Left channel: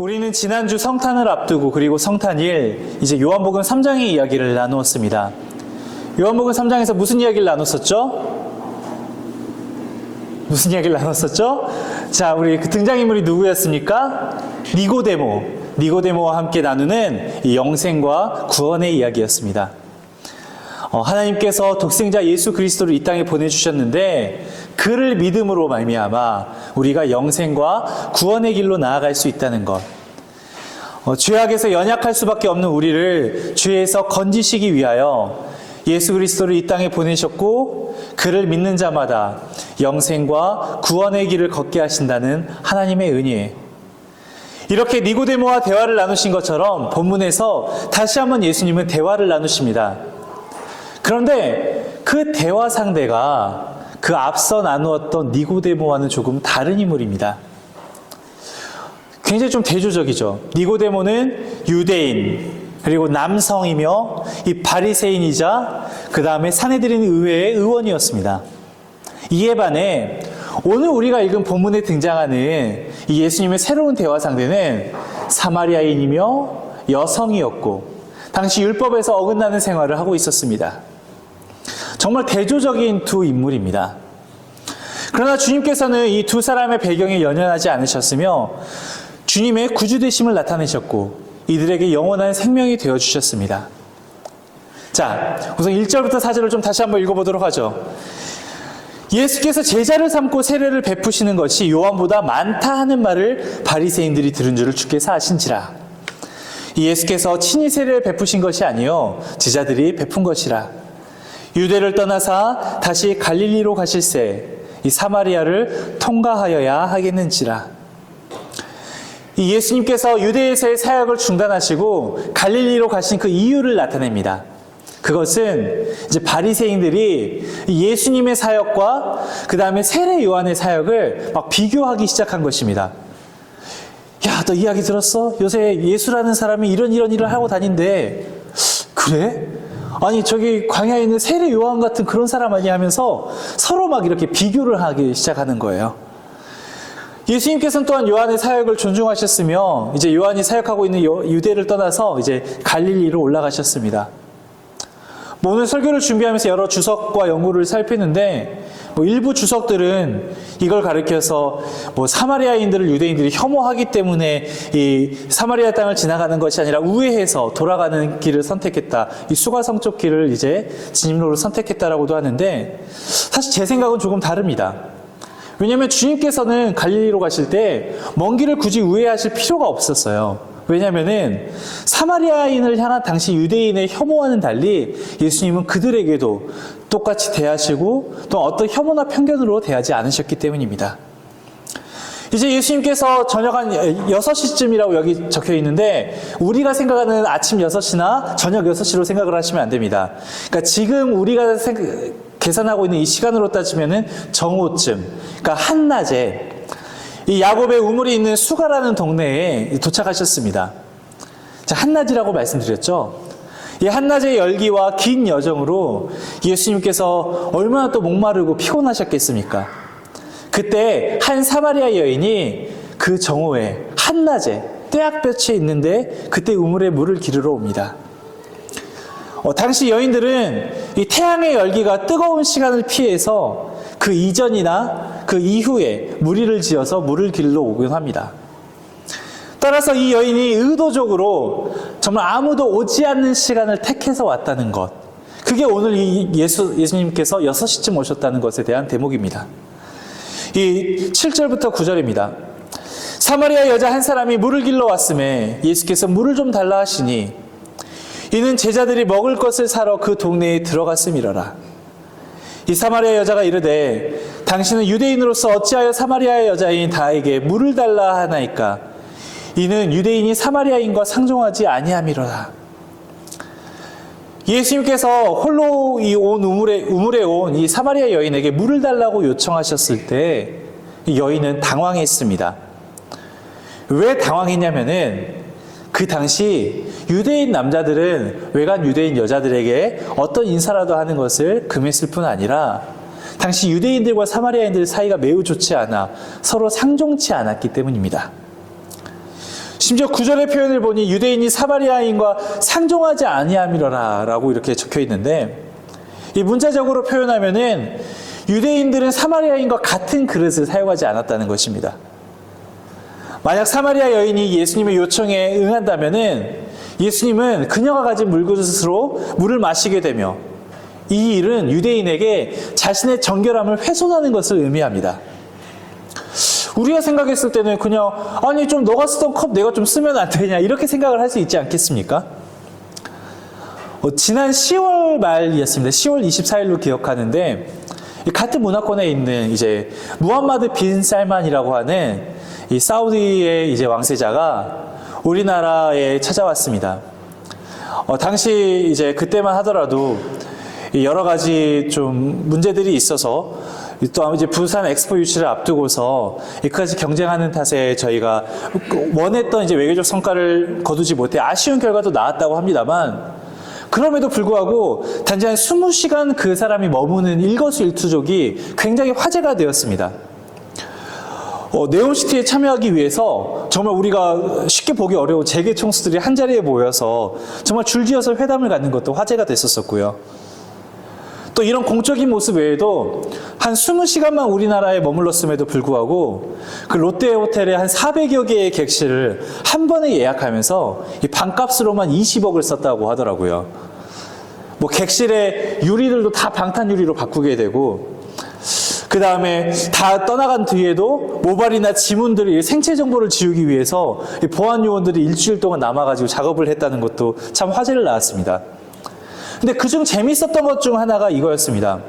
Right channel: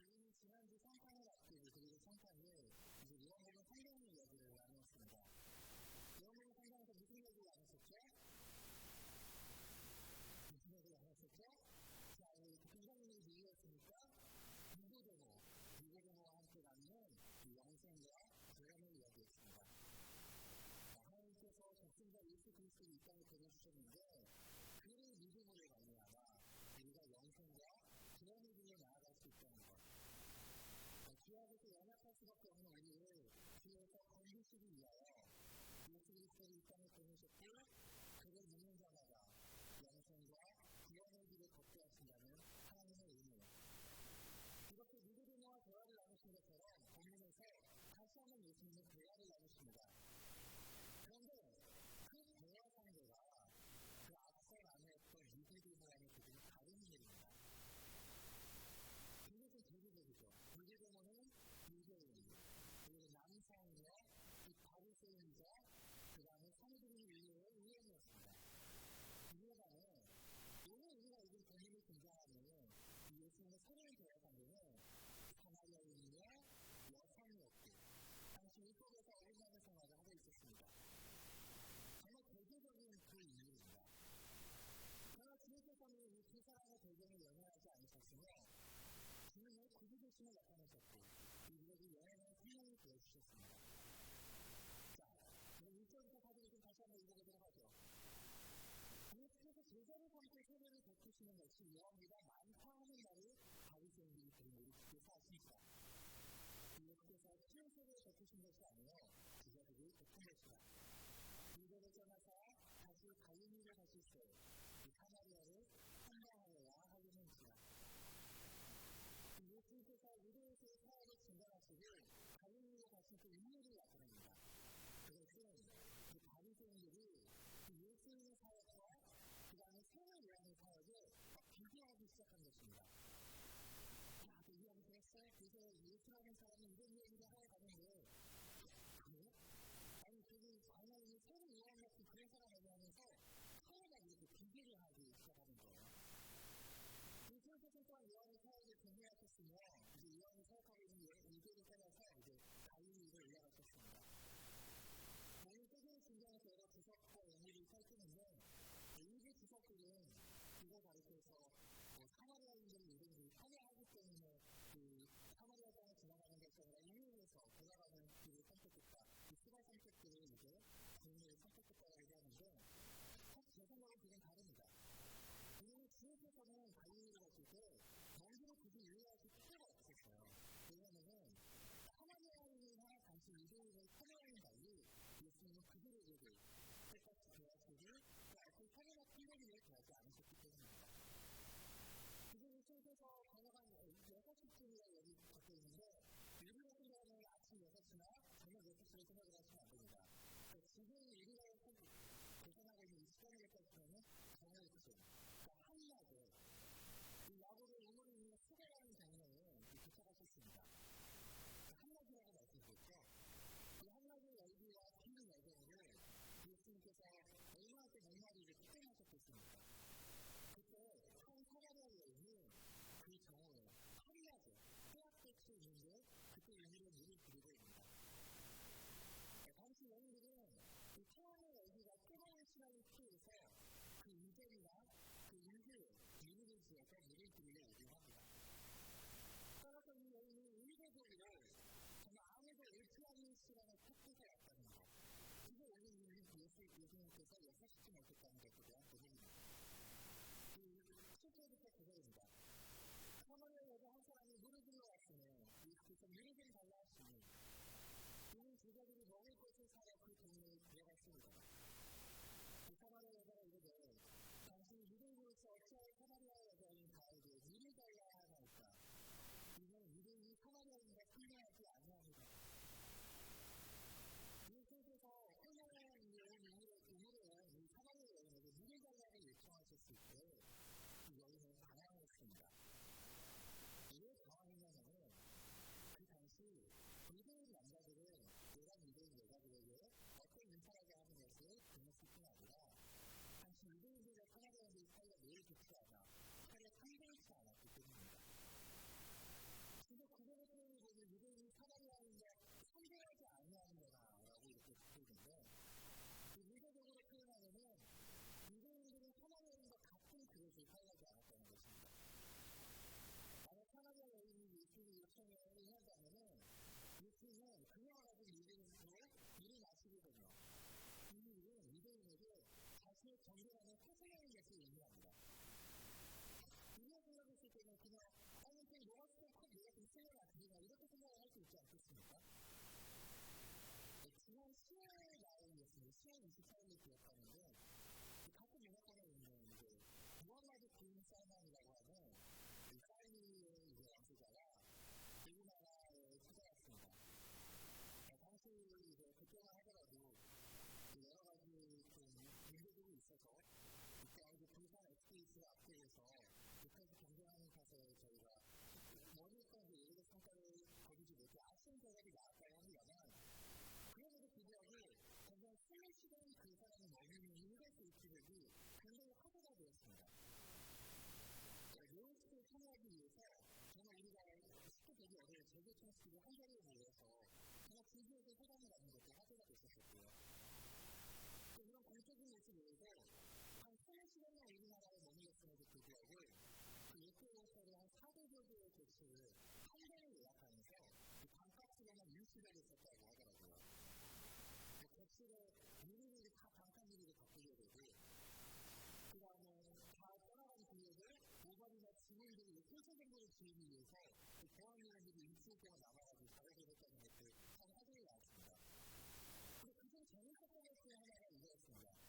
우리는 지난주 성탄을 앞두고 그리고 성탄일 이제 요한복음 3장의 이야기를 나누었습니다. 요한복음 3장에서 무슨 이야기를 나눴었죠? 무슨 이야기를 나눴었죠? 자, 우리 그 등장인물이 누구였습니까? 니고데모와 함께 나누는 이 영생과 구원의 이야기였습니다. 하나님께서 독생자 예수 그리스도를 이 땅에 보내주셨는데 그를 믿음으로 말미암아 우리가 영생과 구원의 길로 나아갈 수 있다는 것, 죄악에서 연약할 수밖에 없는 우리를 죄에서 건지시기 위하여 예수 그리스도를 이 땅에 보내셨고 그를 믿는 자마다 영생과 구원의 길을 걷게 하신다는 하나님의 은혜, 이렇게 니고데모와 대화를 나누신 것처럼 본문에서 다시 한번 예수님은 대화를 나누십니다. 그런데 그 대화 상대가 그 앞서 나누었던 니고데모와는 조금 다른 인물입니다. 굉장히 좀 대조적이죠. 니고데모는 유대인, 그리고 남성이며 이 바리새인이자 그 다음에 사내들인 의회의 의원이었습니다. 이에 반해 오늘 우리가 읽은 본문에 등장하는 이 예수님의 새로운 대화 상대는 사마리아인이며 여성이었고 당시 율법에서 어긋나는 생활을 하고 있었습니다. 정말 대조적인 두 인물입니다. 그러나 주님께서는 이 두 사람의 배경에 연연하지 않으셨으며 주님의 구주되심을 나타내셨고 이들에게 영원한 생명이 되어주셨습니다. 자, 우선 1절부터 4절을 좀 다시 한번 읽어보도록 하죠. 예수께서 제자를 삼고 세례를 베푸시는 것이 요한보다 많다 하는 말을 바리새인들이 들은 줄을 주께서 아신지라. 예수께서 친히 세례를 베푸신 것이 아니요 제자들이 베푼 것이라. 유대를 떠나사 다시 갈릴리로 가실새 이 사마리아를 통과하여야 하겠는지라. 이 예수님께서 유대에서의 사역을 중단하시고 갈릴리로 가신 그 이유를 나타냅니다. 그것은 이제 바리새인들이 예수님의 사역과 그 다음에 세례 요한의 사역을 막 비교하기 시작한 것입니다. 야, 너 이야기 들었어? 요새 예수라는 사람이 이런 일을 하고 다닌대. 그래? 아니, 저기 광야에 있는 세례 요한 같은 그런 사람 아니야 하면서 서로 막 이렇게 비교를 하기 시작하는 거예요. 예수님께서는 또한 요한의 사역을 존중하셨으며 이제 요한이 사역하고 있는 유대를 떠나서 이제 갈릴리로 올라가셨습니다. 오늘 설교를 준비하면서 여러 주석과 연구를 살피는데 일부 주석들은 이걸 가리켜서 사마리아인들을 유대인들이 혐오하기 때문에 이 사마리아 땅을 지나가는 것이 아니라 우회해서 돌아가는 길을 선택했다. 이 수가성 쪽 길을 이제 진입로를 선택했다라고도 하는데 사실 제 생각은 조금 다릅니다. 왜냐하면 주님께서는 갈릴리로 가실 때 먼 길을 굳이 우회하실 필요가 없었어요. 왜냐하면은 사마리아인을 향한 당시 유대인의 혐오와는 달리 예수님은 그들에게도 똑같이 대하시고 또 어떤 혐오나 편견으로 대하지 않으셨기 때문입니다. 이제 예수님께서 저녁 한 6시쯤이라고 여기 적혀 있는데 우리가 생각하는 아침 6시나 저녁 6시로 생각을 하시면 안 됩니다. 그러니까 지금 우리가 계산하고 있는 이 시간으로 따지면은 정오쯤, 그러니까 한낮에 이 야곱의 우물이 있는 수가라는 동네에 도착하셨습니다. 자, 한낮이라고 말씀드렸죠. 이 한낮의 열기와 긴 여정으로 예수님께서 얼마나 또 목마르고 피곤하셨겠습니까? 그때 한 사마리아 여인이 그 정오에 한낮에 떼약볕에 있는데 그때 우물에 물을 기르러 옵니다. 당시 여인들은 이 태양의 열기가 뜨거운 시간을 피해서 그 이전이나 그 이후에 무리를 지어서 물을 길러 오곤 합니다. 따라서 이 여인이 의도적으로 정말 아무도 오지 않는 시간을 택해서 왔다는 것, 그게 오늘 예수님께서 6시쯤 오셨다는 것에 대한 대목입니다. 이 7절부터 9절입니다. 사마리아 여자 한 사람이 물을 길러 왔음에 예수께서 물을 좀 달라 하시니 이는 제자들이 먹을 것을 사러 그 동네에 들어갔음이러라. 이 사마리아 여자가 이르되 당신은 유대인으로서 어찌하여 사마리아의 여자인 다에게 물을 달라 하나이까? 이는 유대인이 사마리아인과 상종하지 아니함이로라. 예수님께서 홀로 이 온 우물에 온 이 사마리아 여인에게 물을 달라고 요청하셨을 때 이 여인은 당황했습니다. 왜 당황했냐면은 그 당시 유대인 남자들은 외간 유대인 여자들에게 어떤 인사라도 하는 것을 금했을 뿐 아니라 당시 유대인들과 사마리아인들 사이가 매우 좋지 않아 서로 상종치 않았기 때문입니다. 심지어 9절의 표현을 보니 유대인이 사마리아인과 상종하지 아니함이러라 라고 이렇게 적혀 있는데, 이 문자적으로 표현하면은 유대인들은 사마리아인과 같은 그릇을 사용하지 않았다는 것입니다. 만약 사마리아 여인이 예수님의 요청에 응한다면은 예수님은 그녀가 가진 물그릇으로 물을 마시게 되며, 이 일은 유대인에게 자신의 정결함을 훼손하는 것을 의미합니다. 우리가 생각했을 때는 그냥 아니 좀 너가 쓰던 컵 내가 좀 쓰면 안 되냐 이렇게 생각을 할 수 있지 않겠습니까? 지난 10월 말이었습니다. 10월 24일로 기억하는데, 같은 문화권에 있는 이제 무함마드 빈 살만이라고 하는 이 사우디의 이제 왕세자가 우리나라에 찾아왔습니다. 당시 이제 그때만 하더라도 여러 가지 좀 문제들이 있어서 또 이제 부산 엑스포 유치를 앞두고서 이까지 경쟁하는 탓에 저희가 원했던 이제 외교적 성과를 거두지 못해 아쉬운 결과도 나왔다고 합니다만, 그럼에도 불구하고 단지 한 20시간 그 사람이 머무는 일거수일투족이 굉장히 화제가 되었습니다. 네옴시티에 참여하기 위해서 정말 우리가 쉽게 보기 어려운 재계 총수들이 한자리에 모여서 정말 줄지어서 회담을 갖는 것도 화제가 됐었고요. 또 이런 공적인 모습 외에도 한 20시간만 우리나라에 머물렀음에도 불구하고 그 롯데 호텔에 한 400여 개의 객실을 한 번에 예약하면서 이 방값으로만 20억을 썼다고 하더라고요. 뭐 객실의 유리들도 다 방탄 유리로 바꾸게 되고, 그 다음에 다 떠나간 뒤에도 모발이나 지문들이 생체 정보를 지우기 위해서 보안 요원들이 일주일 동안 남아가지고 작업을 했다는 것도 참 화제를 낳았습니다. 근데 그중 재밌었던 것 중 하나가 이거였습니다.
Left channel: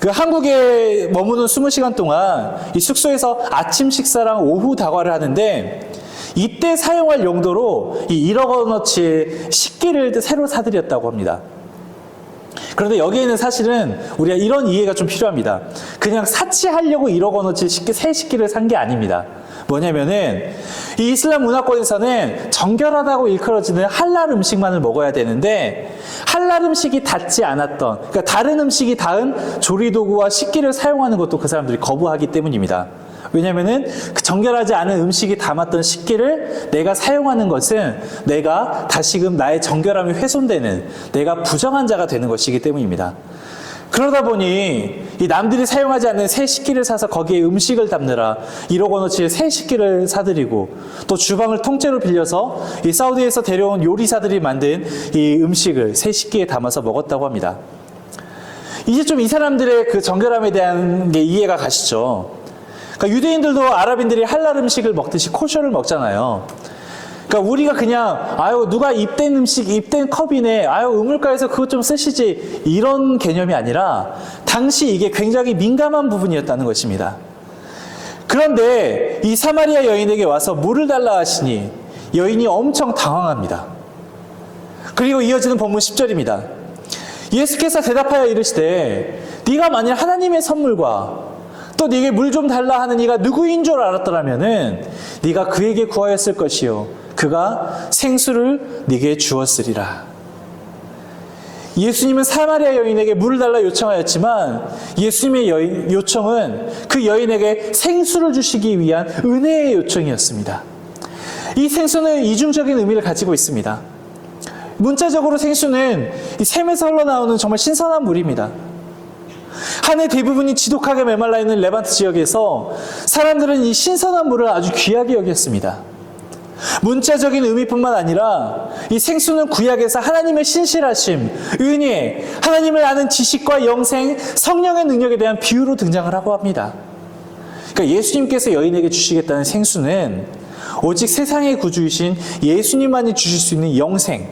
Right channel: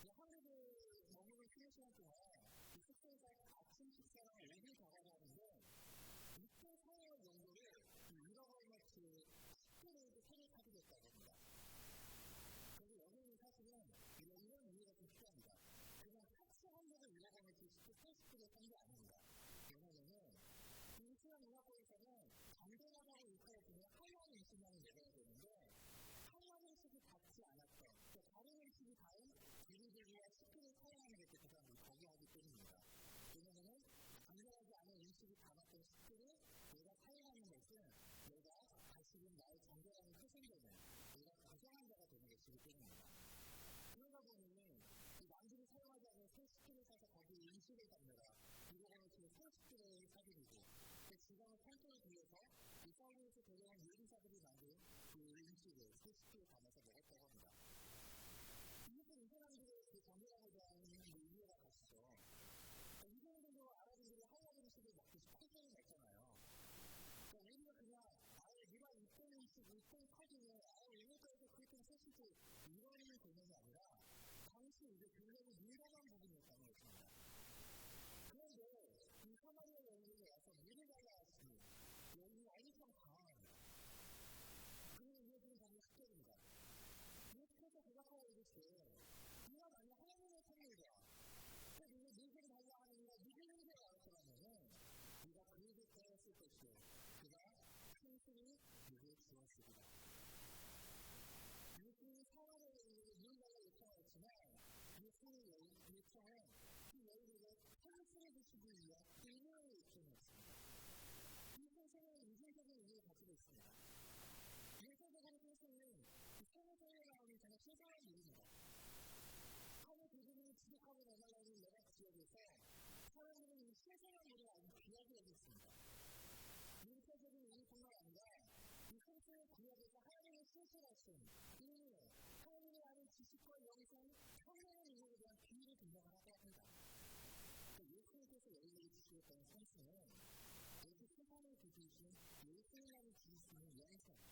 그 한국에 머무는 20시간 동안 이 숙소에서 아침 식사랑 오후 다과를 하는데, 이때 사용할 용도로 이 1억 원어치의 식기를 새로 사들였다고 합니다. 그런데 여기에는 사실은 우리가 이런 이해가 좀 필요합니다. 그냥 사치하려고 1억 원어치 새 식기를 산 게 아닙니다. 뭐냐면은 이 이슬람 문화권에서는 정결하다고 일컬어지는 할랄 음식만을 먹어야 되는데, 할랄 음식이 닿지 않았던, 그러니까 다른 음식이 닿은 조리도구와 식기를 사용하는 것도 그 사람들이 거부하기 때문입니다. 왜냐면은 그 정결하지 않은 음식이 담았던 식기를 내가 사용하는 것은 내가 다시금 나의 정결함이 훼손되는, 내가 부정한 자가 되는 것이기 때문입니다. 그러다 보니 이 남들이 사용하지 않는 새 식기를 사서 거기에 음식을 담느라 1억 원어치의 새 식기를 사들이고, 또 주방을 통째로 빌려서 이 사우디에서 데려온 요리사들이 만든 이 음식을 새 식기에 담아서 먹었다고 합니다. 이제 좀 이 사람들의 그 정결함에 대한 게 이해가 가시죠? 그러니까 유대인들도 아랍인들이 할랄 음식을 먹듯이 코셔를 먹잖아요. 그러니까 우리가 그냥 아유 누가 입된 음식, 입된 컵이네, 아유 우물가에서 그것 좀 쓰시지, 이런 개념이 아니라 당시 이게 굉장히 민감한 부분이었다는 것입니다. 그런데 이 사마리아 여인에게 와서 물을 달라 하시니 여인이 엄청 당황합니다. 그리고 이어지는 본문 10절입니다. 예수께서 대답하여 이르시되 네가 만일 하나님의 선물과 또 네게 물 좀 달라 하는 이가 누구인 줄 알았더라면은 네가 그에게 구하였을 것이요 그가 생수를 네게 주었으리라. 예수님은 사마리아 여인에게 물을 달라 요청하였지만, 예수님의 요청은 그 여인에게 생수를 주시기 위한 은혜의 요청이었습니다. 이 생수는 이중적인 의미를 가지고 있습니다. 문자적으로 생수는 이 샘에서 흘러나오는 정말 신선한 물입니다. 한 해 대부분이 지독하게 메말라 있는 레반트 지역에서 사람들은 이 신선한 물을 아주 귀하게 여겼습니다. 문자적인 의미뿐만 아니라 이 생수는 구약에서 하나님의 신실하심, 은혜, 하나님을 아는 지식과 영생, 성령의 능력에 대한 비유로 등장을 하고 합니다. 그러니까 예수님께서 여인에게 주시겠다는 생수는 오직 세상의 구주이신 예수님만이 주실 수 있는 영생,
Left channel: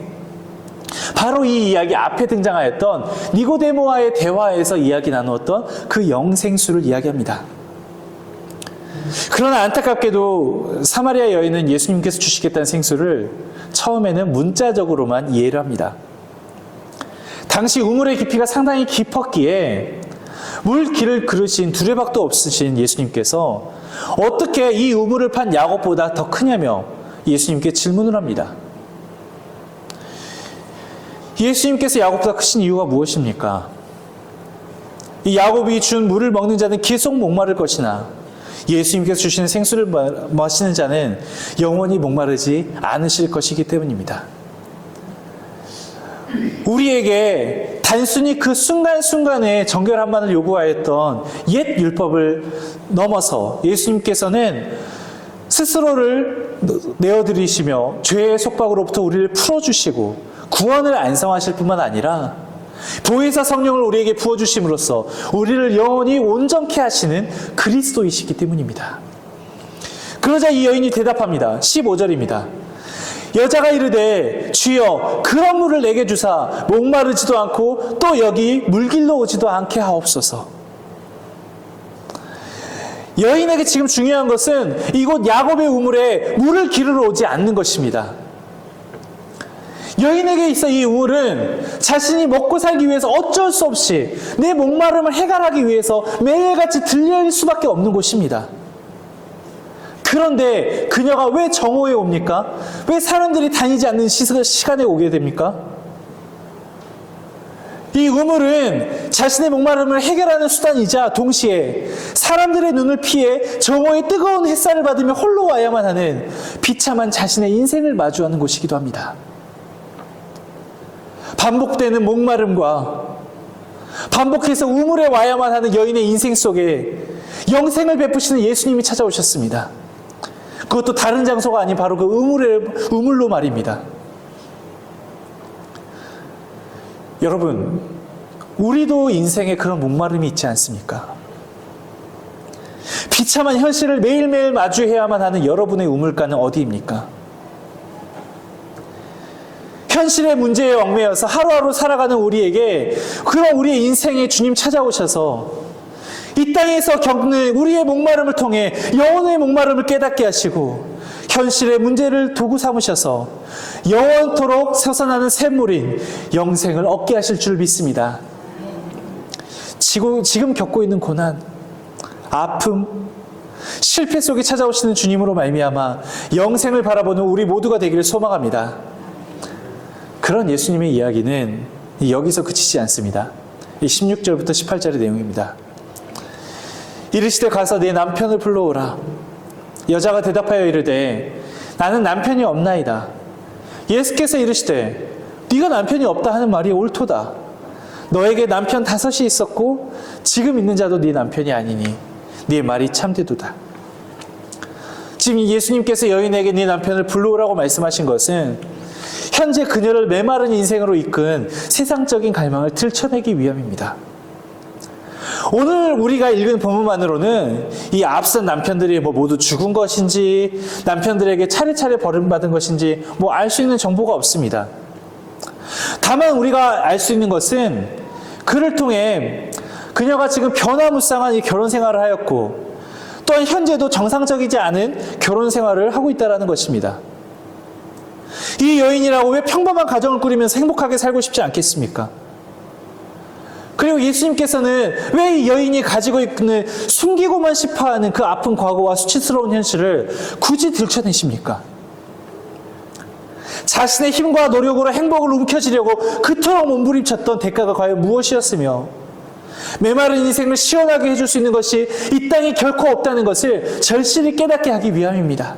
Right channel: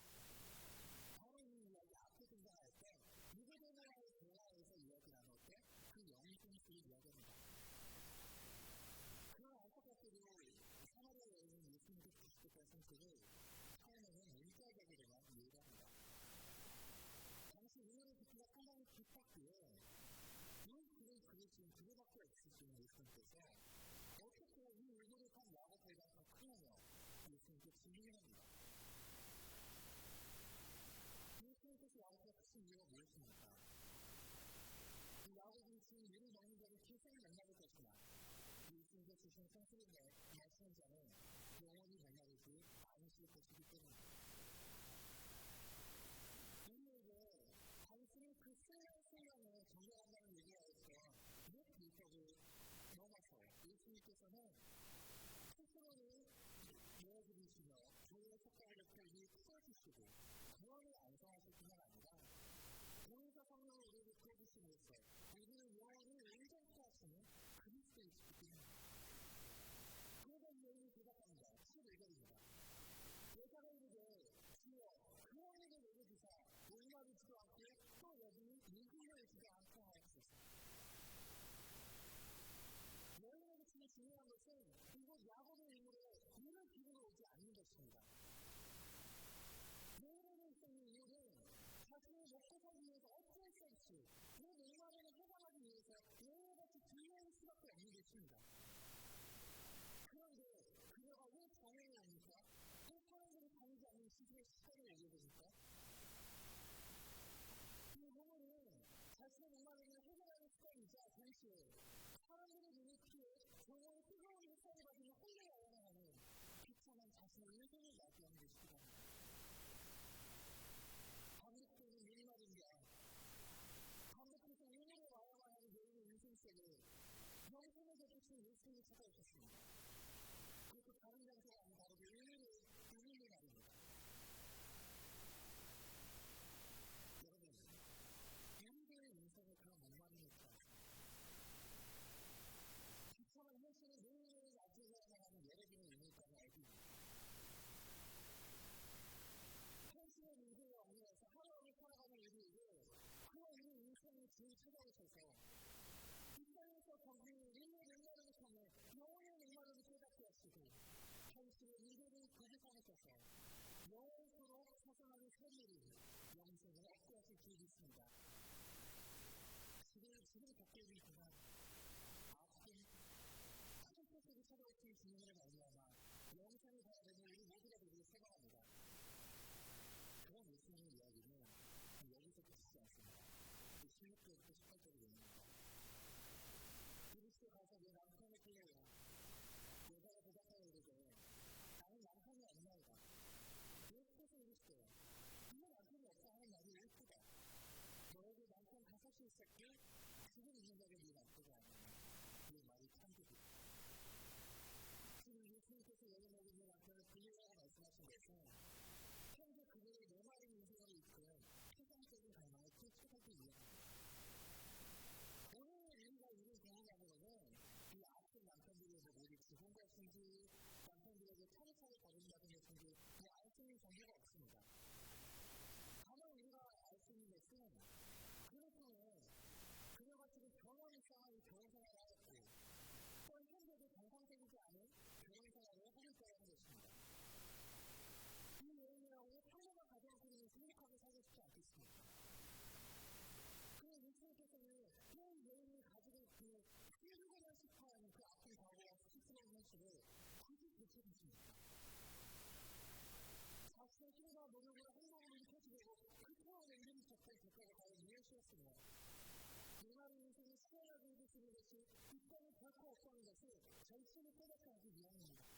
바로 이 이야기 앞에 등장하였던 니고데모와의 대화에서 이야기 나누었던 그 영생수를 이야기합니다. 그러나 안타깝게도 사마리아 여인은 예수님께서 주시겠다는 생수를 처음에는 문자적으로만 이해를 합니다. 당시 우물의 깊이가 상당히 깊었기에 물 길을 그르신 두레박도 없으신 예수님께서 어떻게 이 우물을 판 야곱보다 더 크냐며 예수님께 질문을 합니다. 예수님께서 야곱보다 크신 이유가 무엇입니까? 이 야곱이 준 물을 먹는 자는 계속 목마를 것이나 예수님께서 주시는 생수를 마시는 자는 영원히 목마르지 않으실 것이기 때문입니다. 우리에게 단순히 그 순간순간에 정결 한만을 요구하였던 옛 율법을 넘어서 예수님께서는 스스로를 내어드리시며 죄의 속박으로부터 우리를 풀어주시고 구원을 안성하실 뿐만 아니라 보혜사 성령을 우리에게 부어주심으로써 우리를 영원히 온전케 하시는 그리스도이시기 때문입니다. 그러자 이 여인이 대답합니다. 15절입니다. 여자가 이르되 주여 그런 물을 내게 주사 목마르지도 않고 또 여기 물길로 오지도 않게 하옵소서. 여인에게 지금 중요한 것은 이곳 야곱의 우물에 물을 기르러 오지 않는 것입니다. 여인에게 있어 이 우물은 자신이 먹고 살기 위해서 어쩔 수 없이 내 목마름을 해결하기 위해서 매일같이 들릴 수밖에 없는 곳입니다. 그런데 그녀가 왜 정오에 옵니까? 왜 사람들이 다니지 않는 시간에 오게 됩니까? 이 우물은 자신의 목마름을 해결하는 수단이자 동시에 사람들의 눈을 피해 정오의 뜨거운 햇살을 받으며 홀로 와야만 하는 비참한 자신의 인생을 마주하는 곳이기도 합니다. 반복되는 목마름과 반복해서 우물에 와야만 하는 여인의 인생 속에 영생을 베푸시는 예수님이 찾아오셨습니다. 그것도 다른 장소가 아닌 바로 그 우물로 말입니다. 여러분, 우리도 인생에 그런 목마름이 있지 않습니까? 비참한 현실을 매일매일 마주해야만 하는 여러분의 우물가는 어디입니까? 현실의 문제에 얽매여서 하루하루 살아가는 우리에게 그런 우리의 인생에 주님 찾아오셔서 이 땅에서 겪는 우리의 목마름을 통해 영혼의 목마름을 깨닫게 하시고 현실의 문제를 도구 삼으셔서 영원토록 솟아나는 샘물인 영생을 얻게 하실 줄 믿습니다. 지금 겪고 있는 고난, 아픔, 실패 속에 찾아오시는 주님으로 말미암아 영생을 바라보는 우리 모두가 되기를 소망합니다. 그런 예수님의 이야기는 여기서 그치지 않습니다. 16절부터 18절의 내용입니다. 이르시되 가서 내 남편을 불러오라. 여자가 대답하여 이르되 나는 남편이 없나이다. 예수께서 이르시되 네가 남편이 없다 하는 말이 옳도다. 너에게 남편 5이 있었고 지금 있는 자도 네 남편이 아니니 네 말이 참되도다. 지금 예수님께서 여인에게 네 남편을 불러오라고 말씀하신 것은 현재 그녀를 메마른 인생으로 이끈 세상적인 갈망을 들춰내기 위함입니다. 오늘 우리가 읽은 본문만으로는 이 앞선 남편들이 모두 죽은 것인지 남편들에게 차례차례 버림받은 것인지 알 수 있는 정보가 없습니다. 다만 우리가 알 수 있는 것은 그를 통해 그녀가 지금 변화무쌍한 이 결혼 생활을 하였고 또한 현재도 정상적이지 않은 결혼 생활을 하고 있다는 것입니다. 이 여인이라고 왜 평범한 가정을 꾸리면서 행복하게 살고 싶지 않겠습니까? 그리고 예수님께서는 왜 이 여인이 가지고 있는 숨기고만 싶어하는 그 아픈 과거와 수치스러운 현실을 굳이 들춰내십니까? 자신의 힘과 노력으로 행복을 움켜쥐려고 그토록 몸부림쳤던 대가가 과연 무엇이었으며 메마른 인생을 시원하게 해줄 수 있는 것이 이 땅에 결코 없다는 것을 절실히 깨닫게 하기 위함입니다.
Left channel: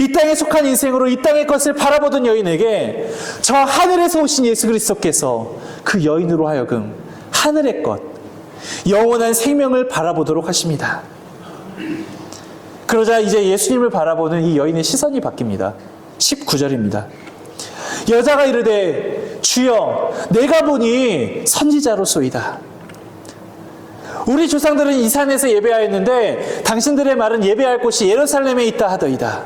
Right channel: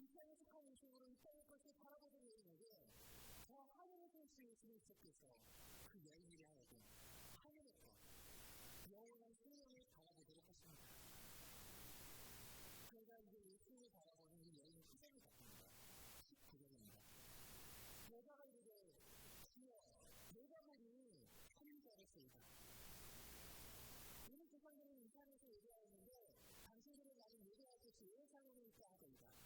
이 땅에 속한 인생으로 이 땅의 것을 바라보던 여인에게 저 하늘에서 오신 예수 그리스도께서 그 여인으로 하여금 하늘의 것, 영원한 생명을 바라보도록 하십니다. 그러자 이제 예수님을 바라보는 이 여인의 시선이 바뀝니다. 19절입니다. 여자가 이르되 주여 내가 보니 선지자로소이다. 우리 조상들은 이 산에서 예배하였는데 당신들의 말은 예배할 곳이 예루살렘에 있다 하더이다.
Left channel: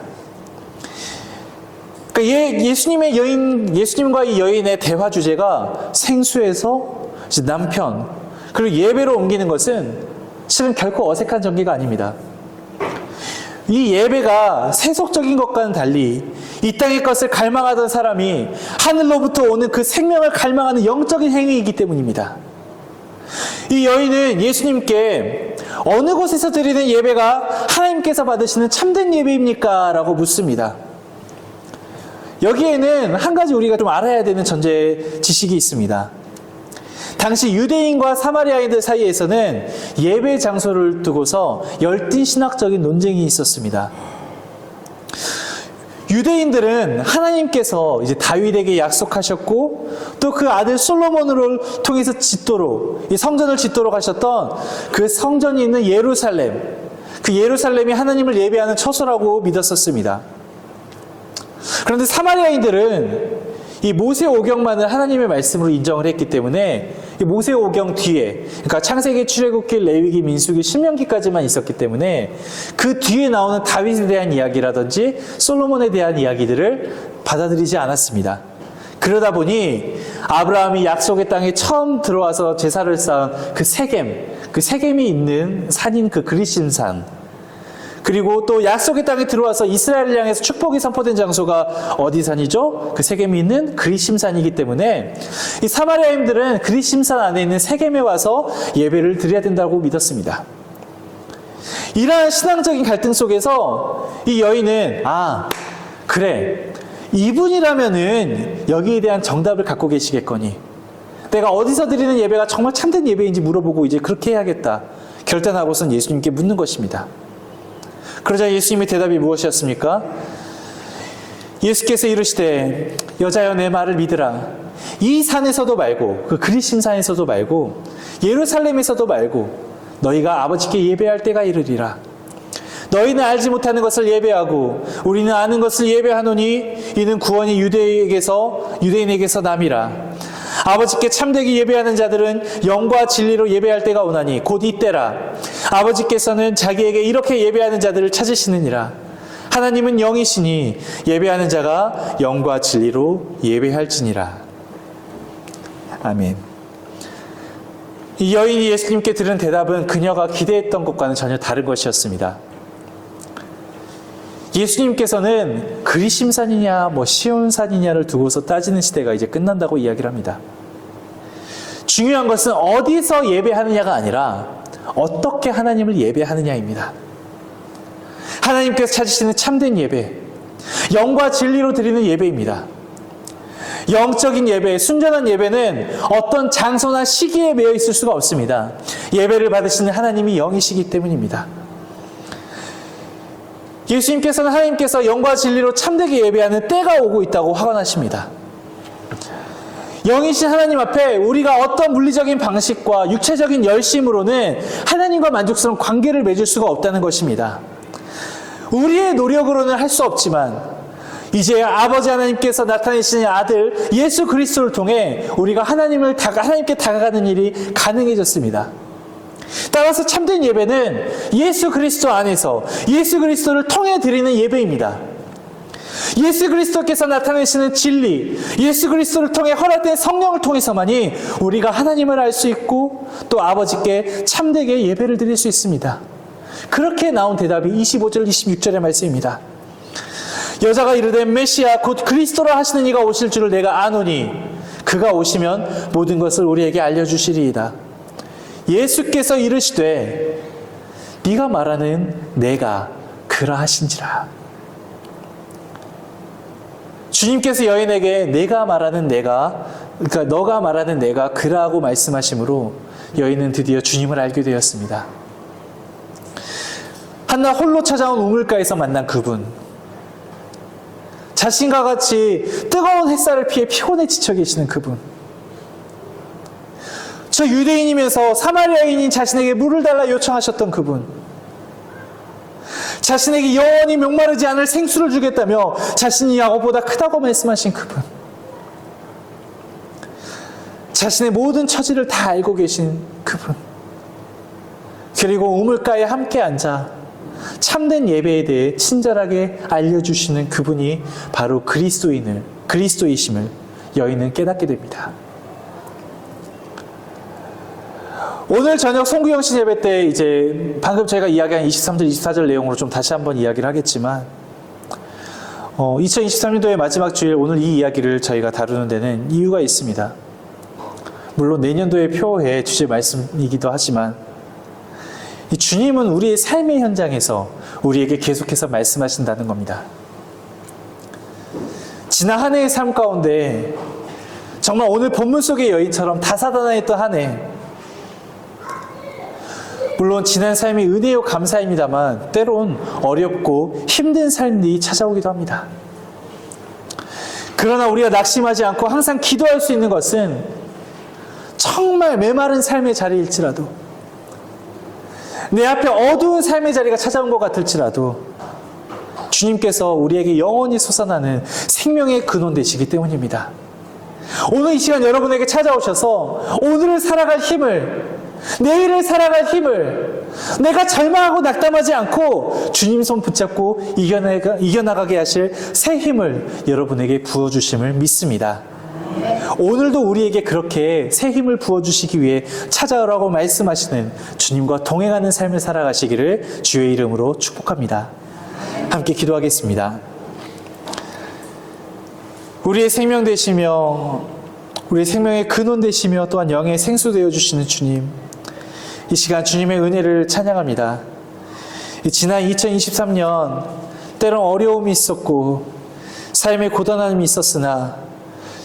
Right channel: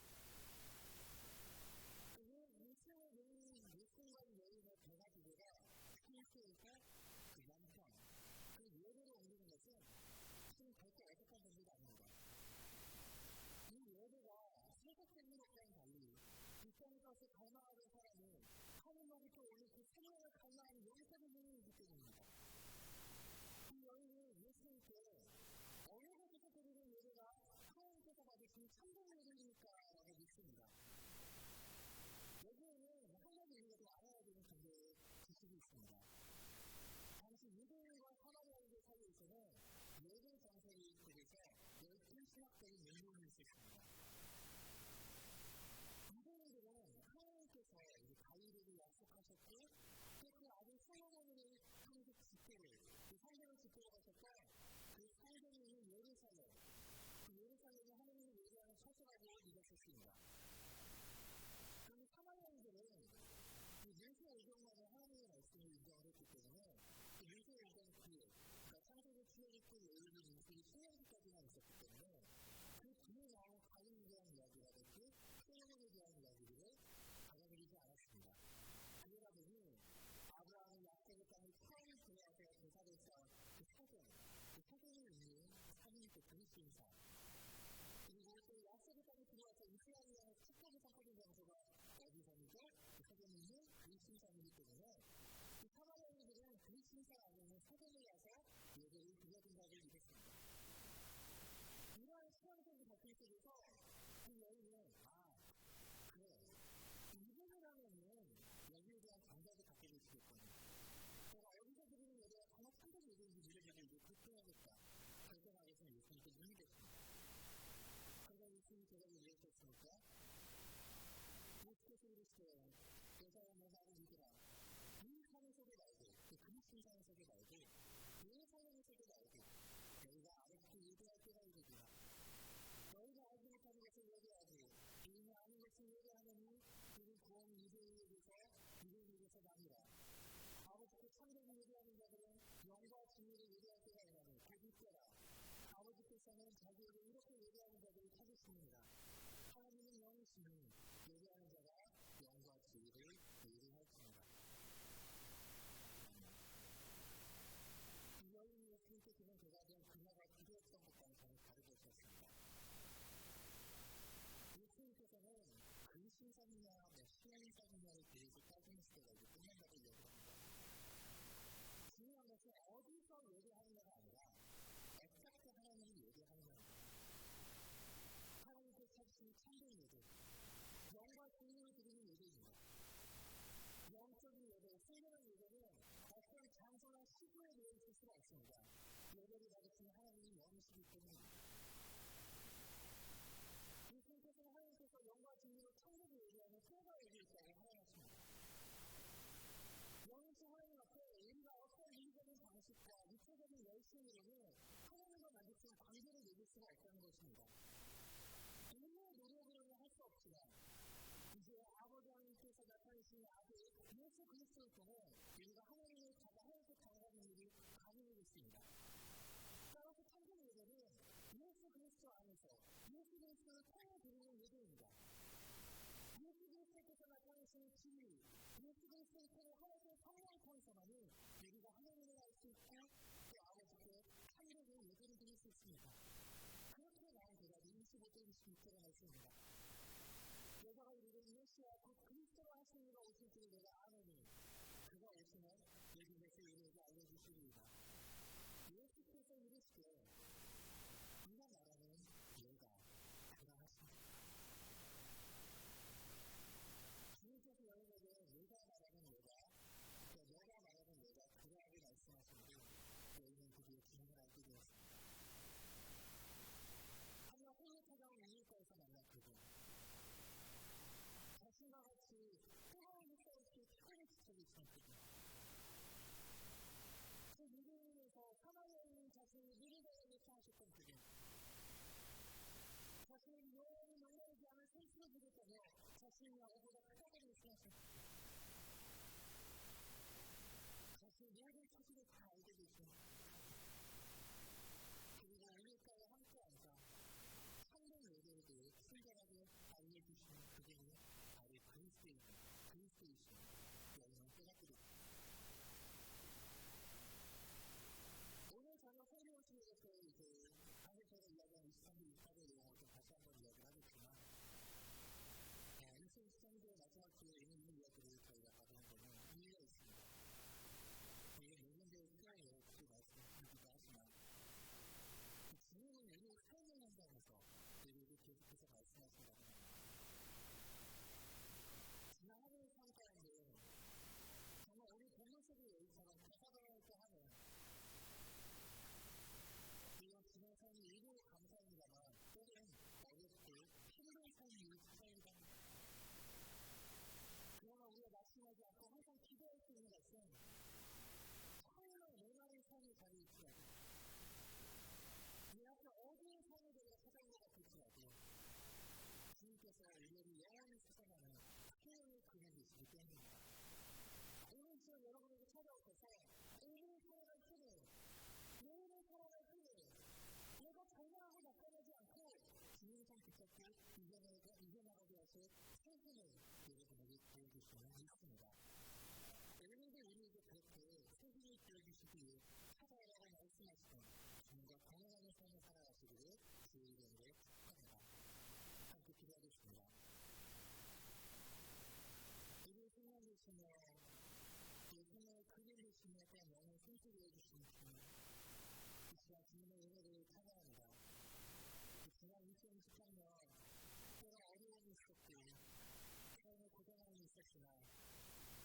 그러니까 예수님과 이 여인의 대화 주제가 생수에서 남편 그리고 예배로 옮기는 것은 실은 결코 어색한 전개가 아닙니다. 이 예배가 세속적인 것과는 달리 이 땅의 것을 갈망하던 사람이 하늘로부터 오는 그 생명을 갈망하는 영적인 행위이기 때문입니다. 이 여인은 예수님께 어느 곳에서 드리는 예배가 하나님께서 받으시는 참된 예배입니까? 라고 묻습니다. 여기에는 한 가지 우리가 좀 알아야 되는 전제 지식이 있습니다. 당시 유대인과 사마리아인들 사이에서는 예배 장소를 두고서 열띤 신학적인 논쟁이 있었습니다. 유대인들은 하나님께서 이제 다윗에게 약속하셨고 또 그 아들 솔로몬을 통해서 짓도록, 이 성전을 짓도록 하셨던 그 성전이 있는 예루살렘, 그 예루살렘이 하나님을 예배하는 처소라고 믿었었습니다. 그런데 사마리아인들은 이 모세오경만을 하나님의 말씀으로 인정을 했기 때문에 이 모세오경 뒤에, 그러니까 창세기, 출애굽기, 레위기, 민수기, 신명기까지만 있었기 때문에 그 뒤에 나오는 다윗에 대한 이야기라든지 솔로몬에 대한 이야기들을 받아들이지 않았습니다. 그러다 보니 아브라함이 약속의 땅에 처음 들어와서 제사를 쌓은 그 세겜이 있는 산인 그 그리심산, 그리고 또 약속의 땅에 들어와서 이스라엘을 향해서 축복이 선포된 장소가 어디 산이죠? 그 세겜이 있는 그리심산이기 때문에 이 사마리아인들은 그리심산 안에 있는 세겜에 와서 예배를 드려야 된다고 믿었습니다. 이러한 신앙적인 갈등 속에서 이 여인은 그래, 이분이라면은 여기에 대한 정답을 갖고 계시겠거니 내가 어디서 드리는 예배가 정말 참된 예배인지 물어보고 이제 그렇게 해야겠다 결단하고선 예수님께 묻는 것입니다. 그러자 예수님의 대답이 무엇이었습니까? 예수께서 이르시되 여자여 내 말을 믿으라. 이 산에서도 말고 그 그리심산에서도 말고 예루살렘에서도 말고 너희가 아버지께 예배할 때가 이르리라. 너희는 알지 못하는 것을 예배하고 우리는 아는 것을 예배하노니 이는 구원이 유대인에게서 남이라. 아버지께 참되게 예배하는 자들은 영과 진리로 예배할 때가 오나니 곧 이때라. 아버지께서는 자기에게 이렇게 예배하는 자들을 찾으시느니라. 하나님은 영이시니 예배하는 자가 영과 진리로 예배할지니라. 아멘. 이 여인이 예수님께 들은 대답은 그녀가 기대했던 것과는 전혀 다른 것이었습니다. 예수님께서는 그리심산이냐 시온산이냐를 두고서 따지는 시대가 이제 끝난다고 이야기를 합니다. 중요한 것은 어디서 예배하느냐가 아니라 어떻게 하나님을 예배하느냐입니다. 하나님께서 찾으시는 참된 예배, 영과 진리로 드리는 예배입니다. 영적인 예배, 순전한 예배는 어떤 장소나 시기에 매여 있을 수가 없습니다. 예배를 받으시는 하나님이 영이시기 때문입니다. 예수님께서는 하나님께서 영과 진리로 참되게 예배하는 때가 오고 있다고 확언하십니다. 영이신 하나님 앞에 우리가 어떤 물리적인 방식과 육체적인 열심으로는 하나님과 만족스러운 관계를 맺을 수가 없다는 것입니다. 우리의 노력으로는 할 수 없지만 이제 아버지 하나님께서 나타내시는 아들 예수 그리스도를 통해 우리가 하나님께 다가가는 일이 가능해졌습니다. 따라서 참된 예배는 예수 그리스도 안에서 예수 그리스도를 통해 드리는 예배입니다. 예수 그리스도께서 나타내시는 진리, 예수 그리스도를 통해 허락된 성령을 통해서만이 우리가 하나님을 알 수 있고 또 아버지께 참되게 예배를 드릴 수 있습니다. 그렇게 나온 대답이 25절, 26절의 말씀입니다. 여자가 이르되 메시아 곧 그리스도라 하시는 이가 오실 줄을 내가 아노니 그가 오시면 모든 것을 우리에게 알려주시리이다. 예수께서 이르시되 네가 말하는 내가 그러하신지라. 주님께서 여인에게 내가 말하는 내가, 그러니까 너가 말하는 내가 그라고 말씀하심으로 여인은 드디어 주님을 알게 되었습니다. 한낮 홀로 찾아온 우물가에서 만난 그분, 자신과 같이 뜨거운 햇살을 피해 피곤에 지쳐 계시는 그분, 저 유대인이면서 사마리아인인 자신에게 물을 달라 요청하셨던 그분, 자신에게 영원히 목마르지 않을 생수를 주겠다며 자신이 야곱보다 크다고 말씀하신 그분, 자신의 모든 처지를 다 알고 계신 그분, 그리고 우물가에 함께 앉아 참된 예배에 대해 친절하게 알려주시는 그분이 바로 그리스도이심을 여인은 깨닫게 됩니다. 오늘 저녁 송구영신 예배 때 이제 방금 저희가 이야기한 23절, 24절 내용으로 좀 다시 한번 이야기를 하겠지만 2023년도의 마지막 주일 오늘 이 이야기를 저희가 다루는 데는 이유가 있습니다. 물론 내년도의 표의 주제 말씀이기도 하지만 이 주님은 우리의 삶의 현장에서 우리에게 계속해서 말씀하신다는 겁니다. 지난 한 해의 삶 가운데 정말 오늘 본문 속의 여인처럼 다사다난했던 한 해. 물론 지난 삶이 은혜요 감사입니다만 때론 어렵고 힘든 삶이 찾아오기도 합니다. 그러나 우리가 낙심하지 않고 항상 기도할 수 있는 것은 정말 메마른 삶의 자리일지라도, 내 앞에 어두운 삶의 자리가 찾아온 것 같을지라도 주님께서 우리에게 영원히 솟아나는 생명의 근원 되시기 때문입니다. 오늘 이 시간 여러분에게 찾아오셔서 오늘을 살아갈 힘을, 내일을 살아갈 힘을, 내가 절망하고 낙담하지 않고 주님 손 붙잡고 이겨나가게 하실 새 힘을 여러분에게 부어주심을 믿습니다. 오늘도 우리에게 그렇게 새 힘을 부어주시기 위해 찾아오라고 말씀하시는 주님과 동행하는 삶을 살아가시기를 주의 이름으로 축복합니다. 함께 기도하겠습니다. 우리의 생명 되시며 우리의 생명의 근원 되시며 또한 영의 생수 되어주시는 주님, 이 시간 주님의 은혜를 찬양합니다. 지난 2023년 때론 어려움이 있었고 삶의 고단함이 있었으나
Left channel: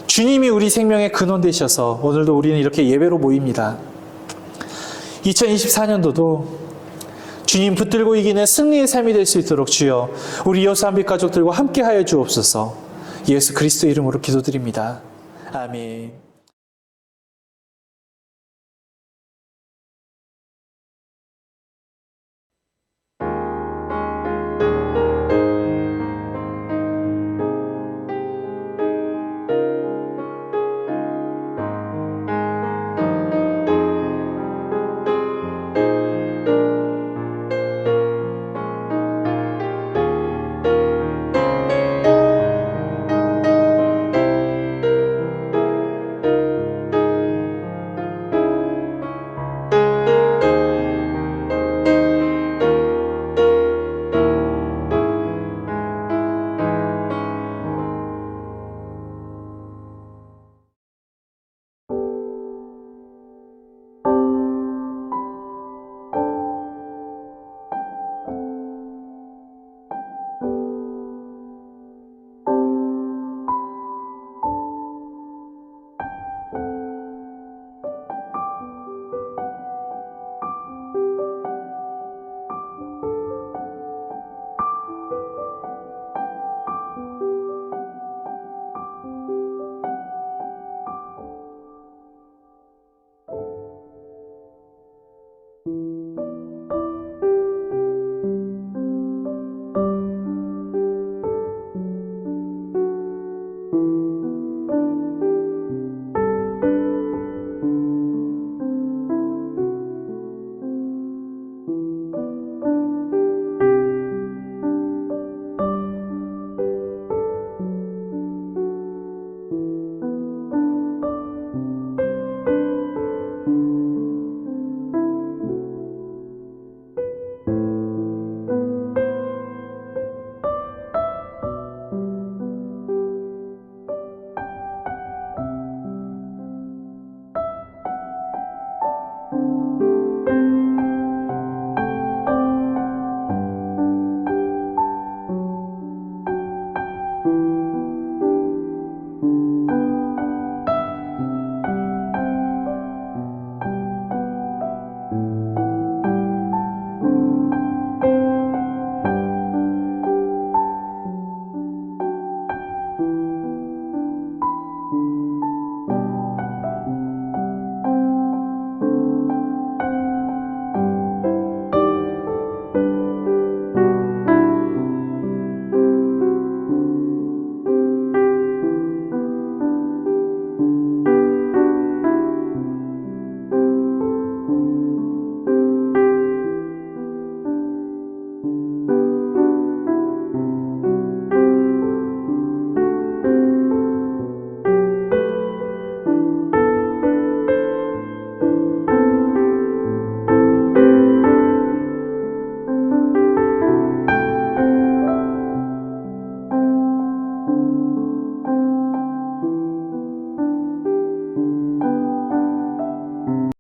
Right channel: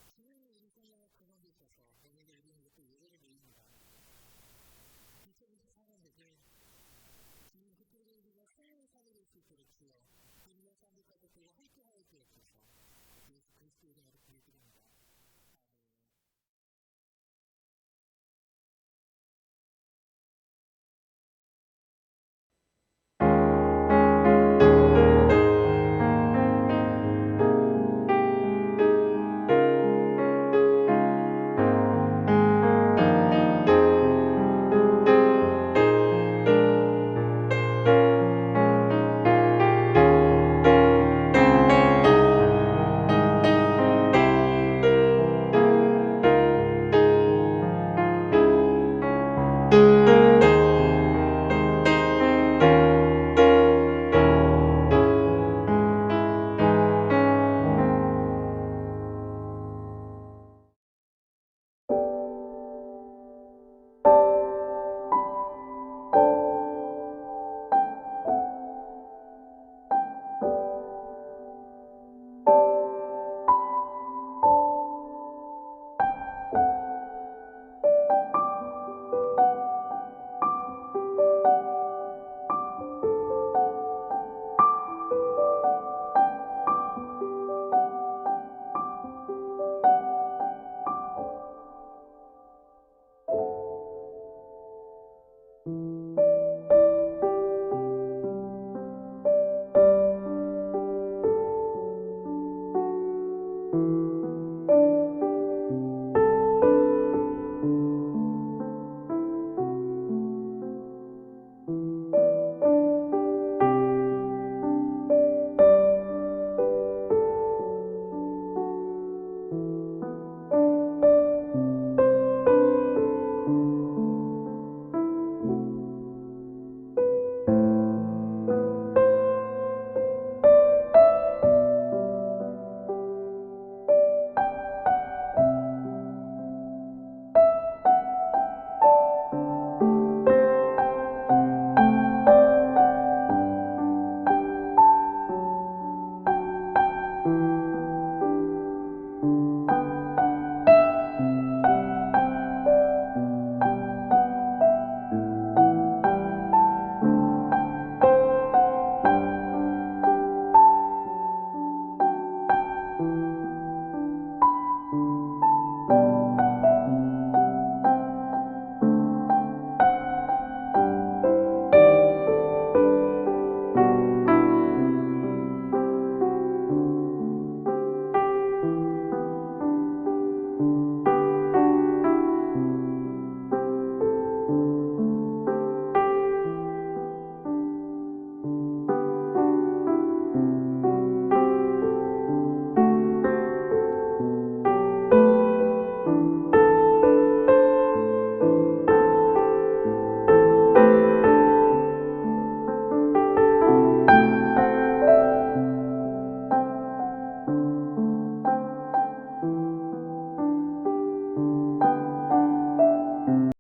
주님이 우리 생명의 근원 되셔서 오늘도 우리는 이렇게 예배로 모입니다. 2024년도도 주님 붙들고 이기는 승리의 삶이 될 수 있도록 주여 우리 여수한빛 가족들과 함께하여 주옵소서. 예수 그리스도 이름으로 기도드립니다. 아멘.